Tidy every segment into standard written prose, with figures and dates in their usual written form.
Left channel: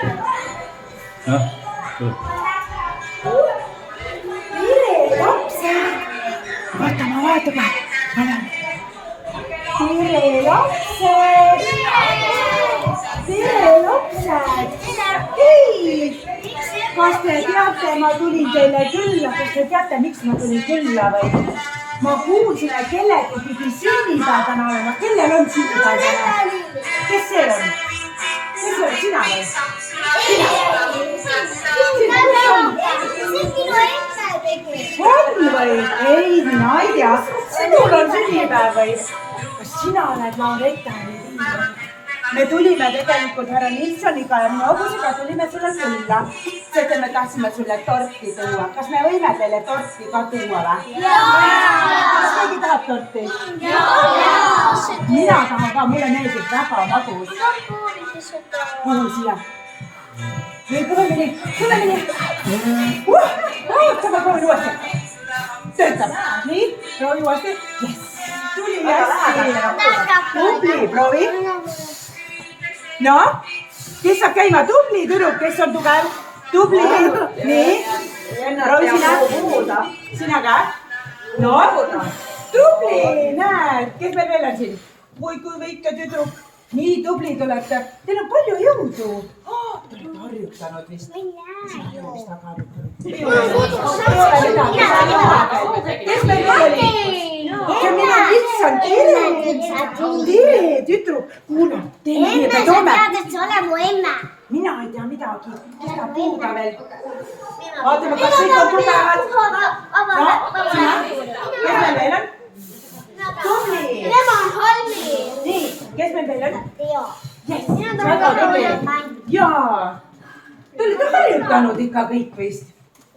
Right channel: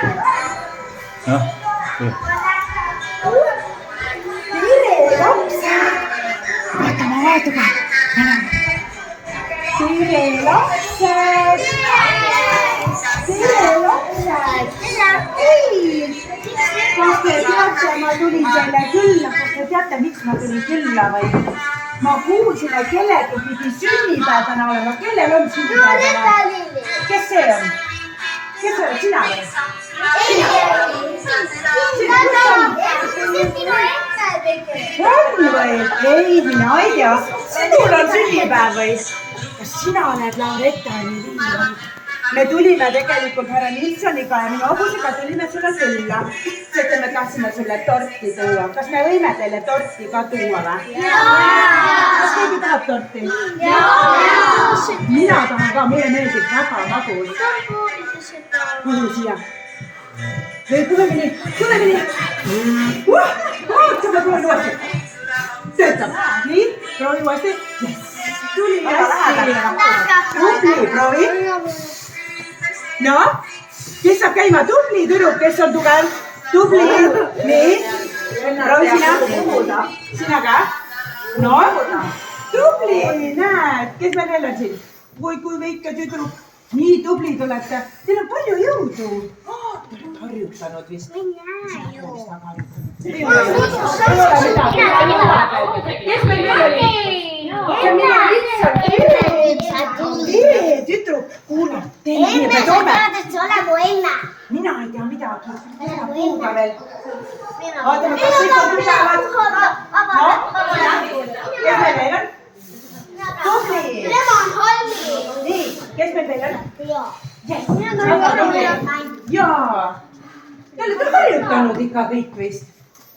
Noh, tere lapsed! Vaata, ma vaatan ka. Tere lapsed! Tere lapsed! Hei! Kas te teate, ma tulin teile külla, kas te teate, miks ma tulin külla või? Ma kuulsin, et kellegi pidi sünnipäev täna olema. Kellel on sünnipäev täna? Kes see on? Kes oled sina või? On või? Ei, mina ei tea. Sinul on sünnipäev või? Kas sina oled Lauretta või? Me tulime tegelikult härra Nilssoniga ja minu hobusega tulime sulle külla. Sest me tahtsime sulle torti tuua. Kas me võime teile torti ka tuua või? Kas keegi tahab torti? Mina tahan ka, mulle meeldib väga magus. Kuhu siia? Tuleme nii. Ootame, proovin uuesti. Töötab. Nii, proovi uuesti. Yes. Tuli hästi. Tubli, proovi. No, kes saab käima? Tubli tüdruk, kes on tugev? Tubli. Nii. Proovi sina. Sina ka? No, tubli, näed. Kes meil veel on siin? Kui väike tüdruk. Nii tublid olete. Teil on palju jõudu. Te olete harjutanud vist. Ma ei näe ju. Ei ole midagi. Kes meil veel oli? See on minu Nilsson. Tere, tüdruk. Kuule, teile me toome. Mina ei tea midagi. Kes ta puuda veel? Vaatame, kas kõik on tugevad. Kes meil veel on? Tubli. Nii, kes meil veel on? Jaa. Te olete harjutanud ikka kõik vist.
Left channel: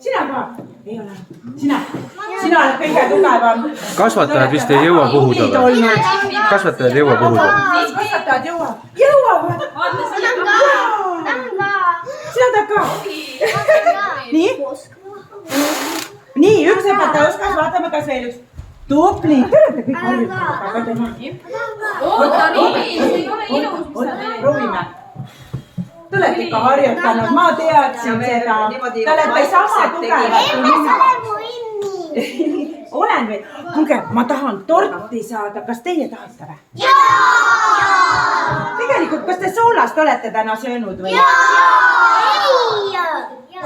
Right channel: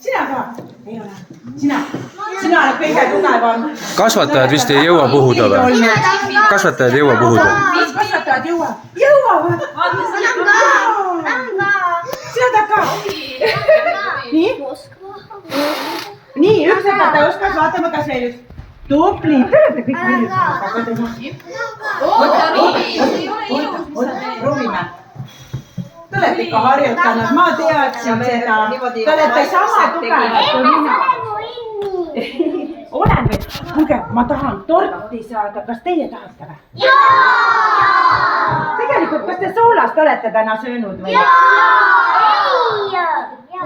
Sina ka? Ei ole. Sina oled kõige tugevam. kasvatajad vist ei jõua puhuda või? Kasvatajad ei jõua puhuda. Kasvatajad jõuavad. Sina tahad ka? Nii? Nii, üks õpetaja oskas, vaatame, kas veel üks. Tubli, te olete kõik harjutanud. Proovime. Te olete ikka harjutanud, ma teadsin seda. Te olete sama tugevad kui mina. Olen veel. Kuulge, ma tahan torti saada. Kas teie tahate või? Tegelikult, kas te soolast olete täna söönud või?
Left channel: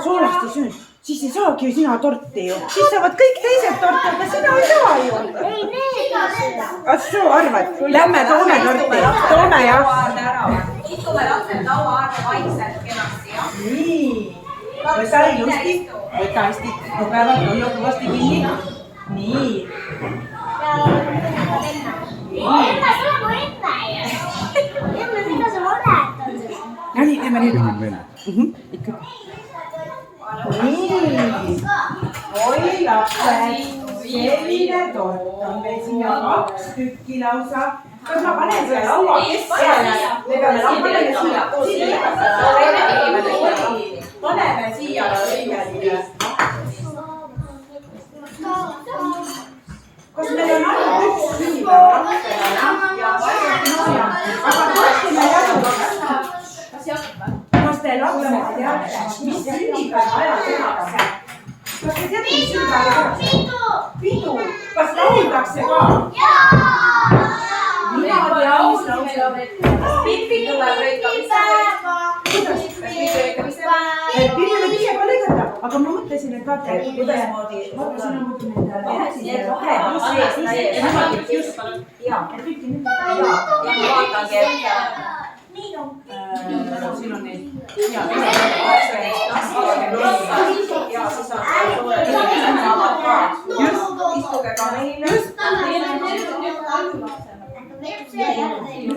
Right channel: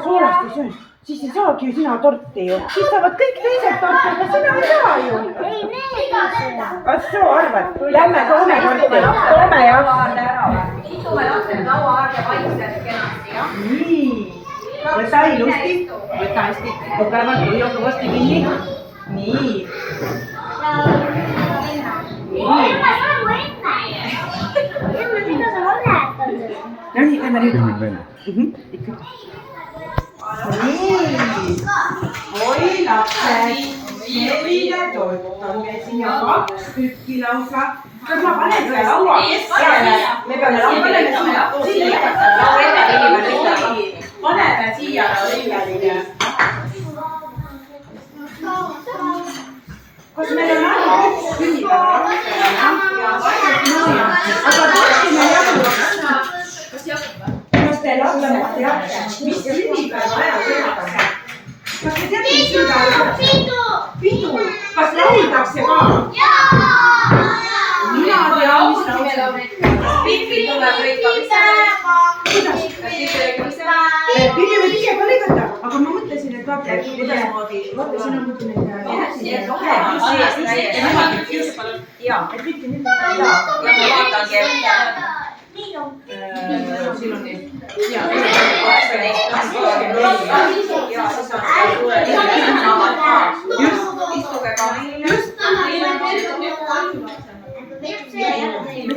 Soolast ei söönud? Siis ei saagi ju sina torti ju. Siis saavad kõik teised torti, aga sina ei saa ju. Kas soo arvad? Lähme toome torti. Toome jah. Istume lapsed laua aega vaikselt kenasti, jah? Nii. Võta ilusti. Võta hästi tugevalt, hoia kõvasti kinni. Nii. No nii, lähme nüüd. Ikka. Nii. Oi lapsed. Selline tort on meil siin ja 2 tükki lausa. Kas ma panen selle laua keskele? Me peame paneme siia Laurelile. Kas meil on ainult üks sünnipäeva? Aga torti me jagame. Kas te lapsed teate, mis sünnipäeva ajal tehakse? Kas te teate, mis sünnipäeva tehakse? Pidu. Kas lauldakse ka? Mina tean, mis lauldakse. Pikki tuleb lõikamiste Kuidas? Pilli võib ise ka lõigata, aga ma mõtlesin, et vaata, kuidasmoodi, vaata sina mõtled neid ja, et pikki nüüd. ja ma vaatangi, et Siin on neid. ja siis on istuge ka meil.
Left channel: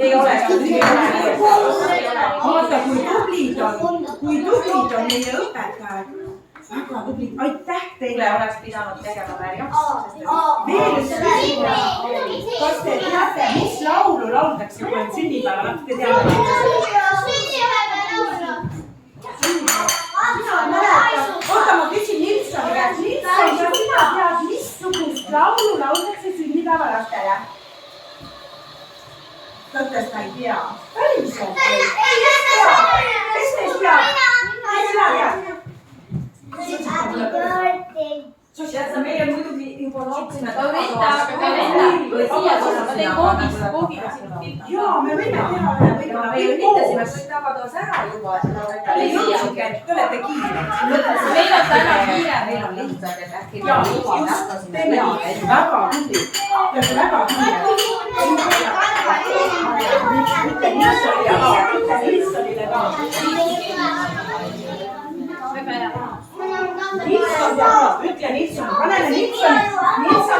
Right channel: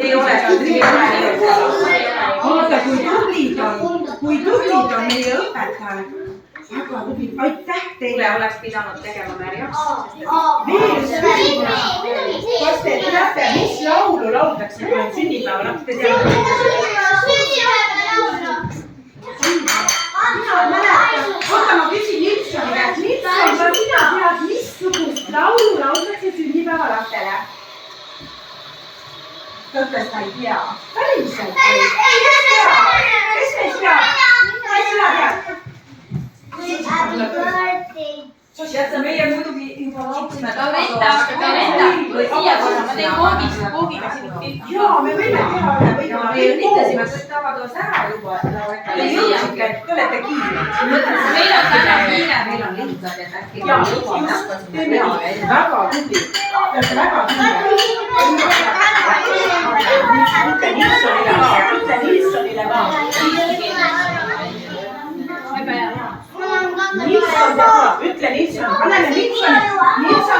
Ei ole Vaata, kui tublid on meie õpetajad. Väga tublid, aitäh teile. Oleks pidanud tegema märjaks. Veel üks küsimus. Kas te teate, mis laulu lauldakse, kui on sünnipäeval? Te teate? Oota, ma küsin Nilssoni käest. Nilsson, kas sina tead, missugust laulu lauldakse sünnipäevalastele? Ta ütles, ta ei tea. Päriselt või? Kes meist teab? teen koogiga siin pilti. Jaa, me võime teha võib-olla Me üritasime kõik tagatoas ära juba. Te olete kiired. Meil on täna kiire, meil on lihtsalt, et äkki Jaa, just, teeme nii. Väga tubli. Te olete väga kiired. Ütle Nilssonile ka. Nilsson teab ka, ütle Nilsson, paneme Nilsson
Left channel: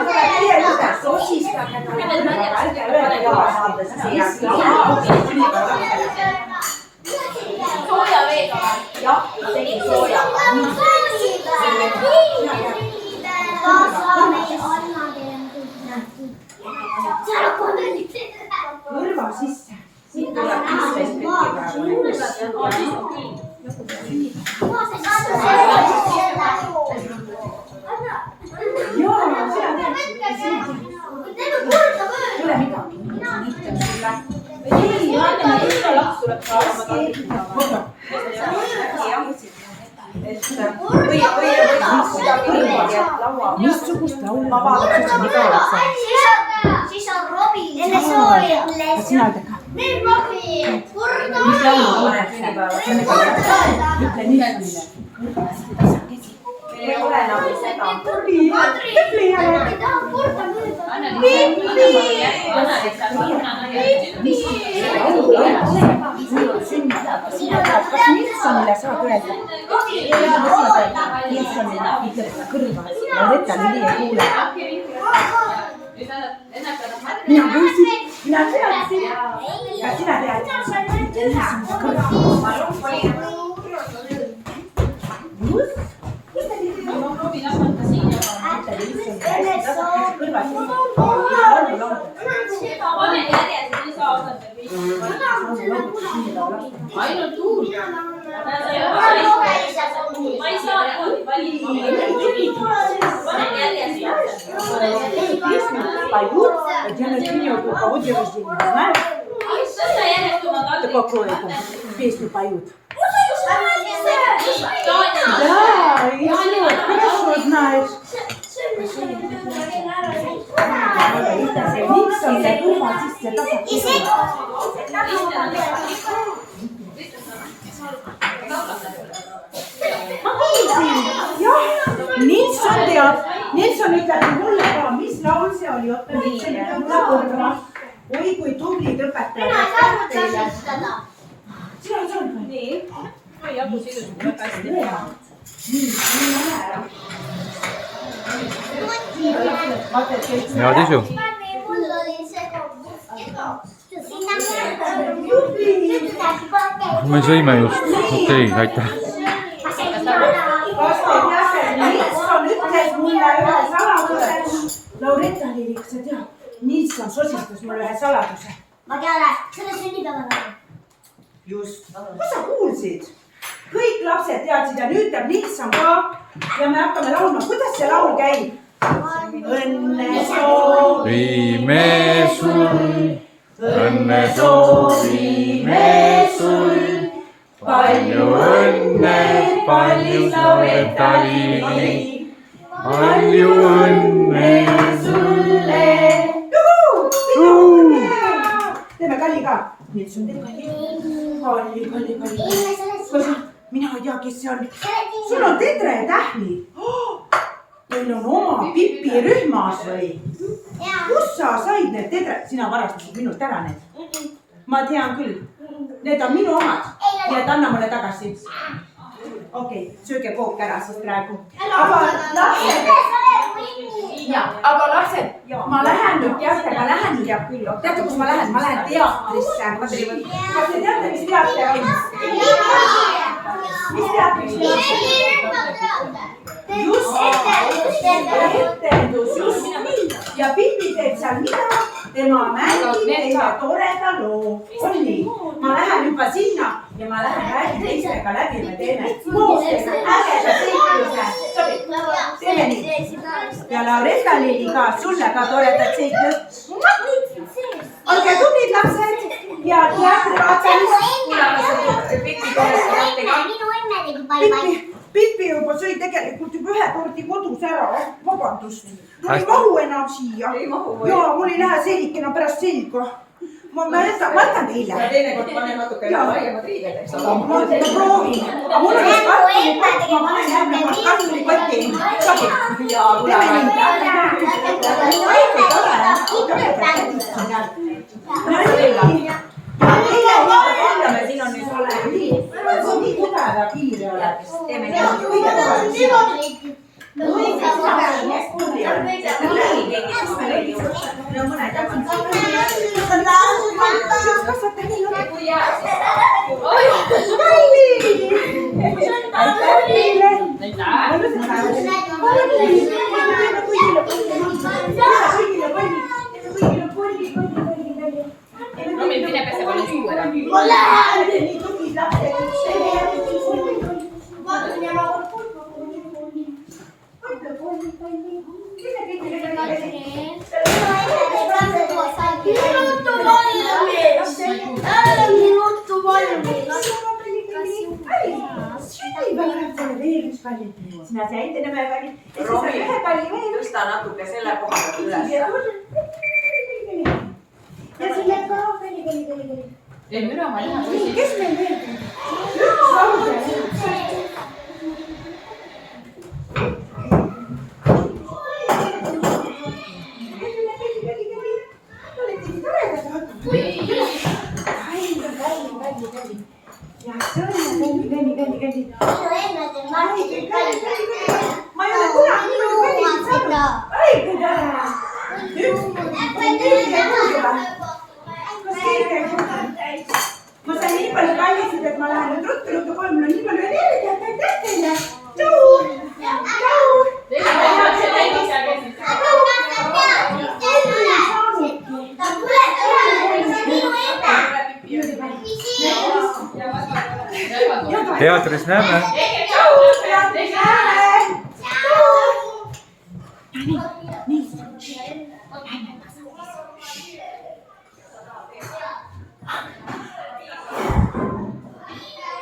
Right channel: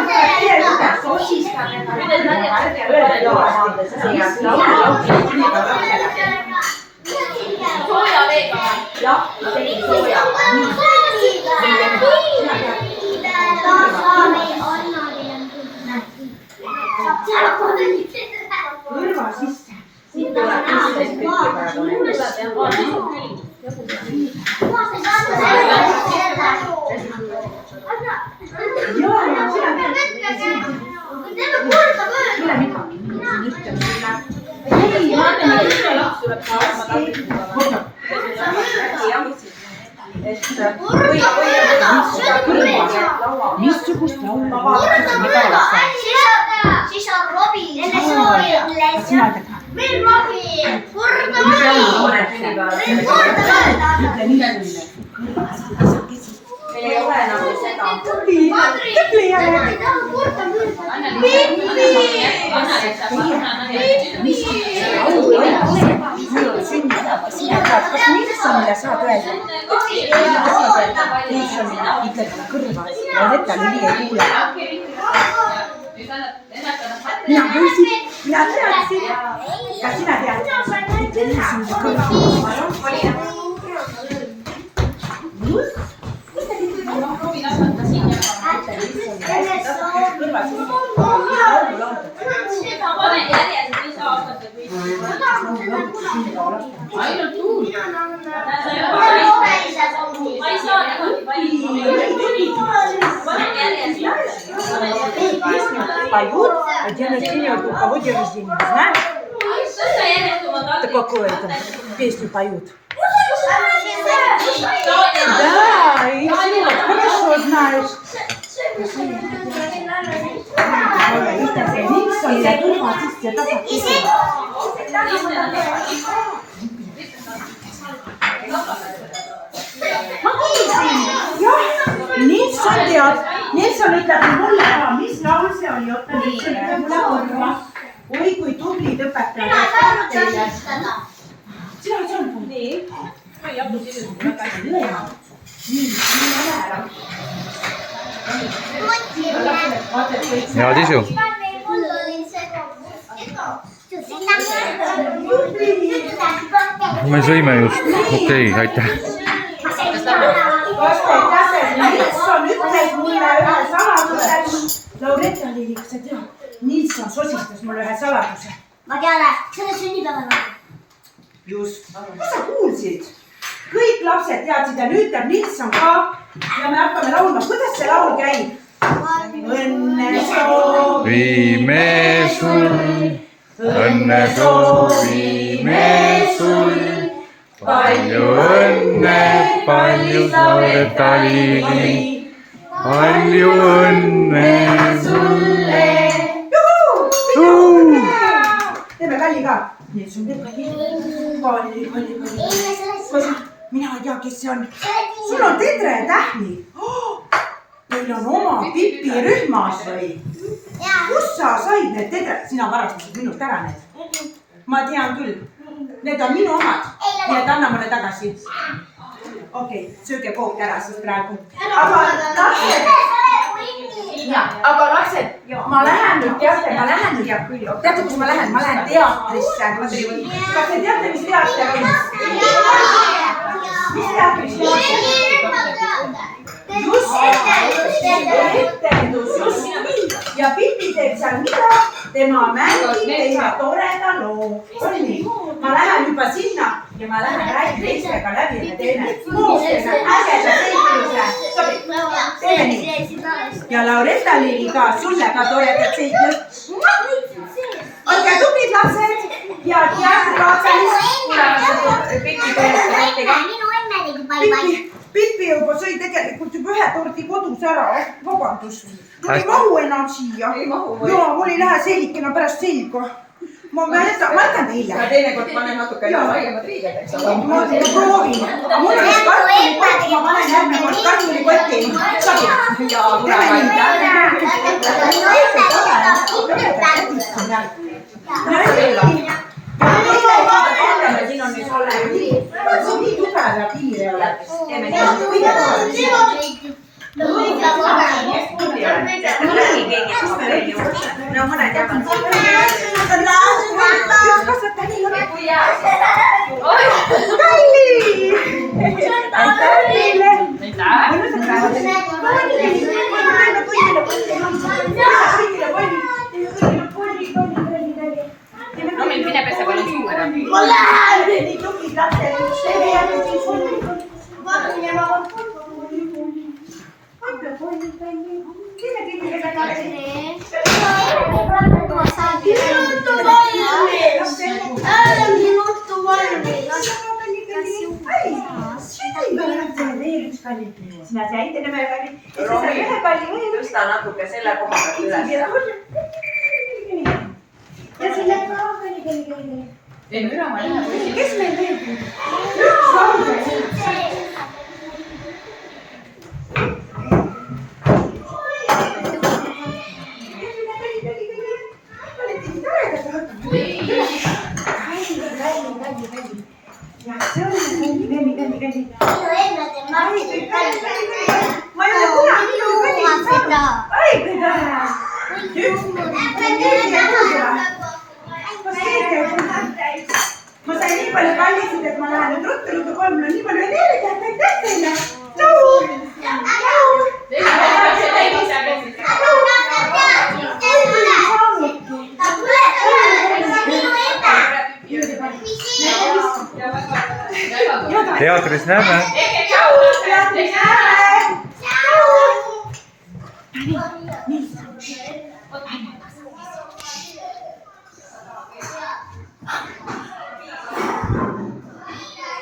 tuleb teie juurde, sosistage ta. Ärge öelda jalast. Sooja veega. Jah, tegin sooja. Kõrva sisse. Siit tuleb 15 pilti praegu. Tule midagi. Ei, missugust laulu Siis on Robin. Enne sooja. Sina ütle ka. Meil Robin. Kurda Ütle Nilssonile. Meil ei ole nagu seda. Tubli jälle. Sina tead, kas Nilssonile saad öelda? Nilssonile ütled kõrva. Loretta Lili ei kuule. Mina kuulsin, mina teadsin. Kas sina tead? Ütle Nilssonile kõrva. Just. Ainult tuul. Ma ei saa niimoodi valida. Поют, где начнет руководить рождения, знаешь? Какую там песню поют? Да, и все, хорошо знаешь. Nilsson ja kõrvad sisse tagasi. Ma kuulsin, jah, Nilsson teab. Nilsson ütleb mulle ka, mis laul see oli, oota Nilsson ütleb mulle korra. Oi, kui tublid õpetajad. Sina ei saanud mul. Nii. Ma ei jagu sisuliselt väga hästi. Nii ära. Head isu. Me sõime just. Okei, aitäh. Kas te teate, Nilsson ütles mulle ühe saladuse. Loretta Lili, kas sa tead? Nilsson sosistas mulle ühe saladuse. Ma tean, selle sünnipäeval. Just. Kas sa kuulsid? Kõik lapsed teadsid ja nüüd teab Nilsson ka. Ja me hakkame laulma. Kuidas see laul käib? Õnne Soovime sul, õnne soovime sul. Palju õnne, kallis Loretta Lili. Palju õnne sulle. Juhu! Teeme Kalli ka. Nilsson teeb Kalli. Kalli. Mina ei tea, kes see on. Sul on Tedre Tähli. Teil on oma Pipi rühmas või? Kus sa said need Tedre? Sina varastasid minult ära need. Ma tean küll. Need on minu omad. Nii et anna mulle tagasi. Okei, sööge kook ära siis praegu. Aga lapsed, ma lähen nüüd, teate, teate, kus ma lähen? Ma lähen teatrisse. Kas te teate, mis teater on? Mis teatris teater? Just, etendus, just nii. Ja Pipi teeb seal mida? Tema mängib teile toreda loo. On nii? Ma lähen juba sinna ja ma lähen räägin teistega läbi ja teeme koostega ägeda seikluse. Sobib? Teeme nii. Ja Loretta Lili ka, sulle ka toredat seiklust. Olge tublid lapsed ja teatrikaatsalised. Minu emme tegi palju. Pipi juba sõi tegelikult juba ühe tordi kodus ära. Vabandust. Mul ei mahu enam siia. Jaa, mul ei lähe sellikena pärast selga. Ma jätan teile. Ja teinekord panen natuke laiemad riided, eks ole. Ma proovin. Aga mul on üks kartulikott, ma panen järgmine kord kartulikotti. Sobib. Ja kuna vaatame, siin on nüüd ole. Nii tugev ja kiire ole. Teeme nii. No mõned jaganud. Üks kasvata nii on. Aitäh teile. Mõnusat No meil mine pese palju suu ära. Ma lähen. Nii tublid lapsed. Sina said enam ühe palli. Ühe palli veel. Tõsta natuke selle koha pealt üles. Ja selle ka kõli. Ei müra, ma ei lähe poisi. Kes meil veel? Ma ei ole kunagi ma sain nii palju pallisid, et ma lähen nüüd ruttu kohe, mul on nii palju energiat, aitäh teile! Tšau! teatris näeme. Teatris näeme! Nii.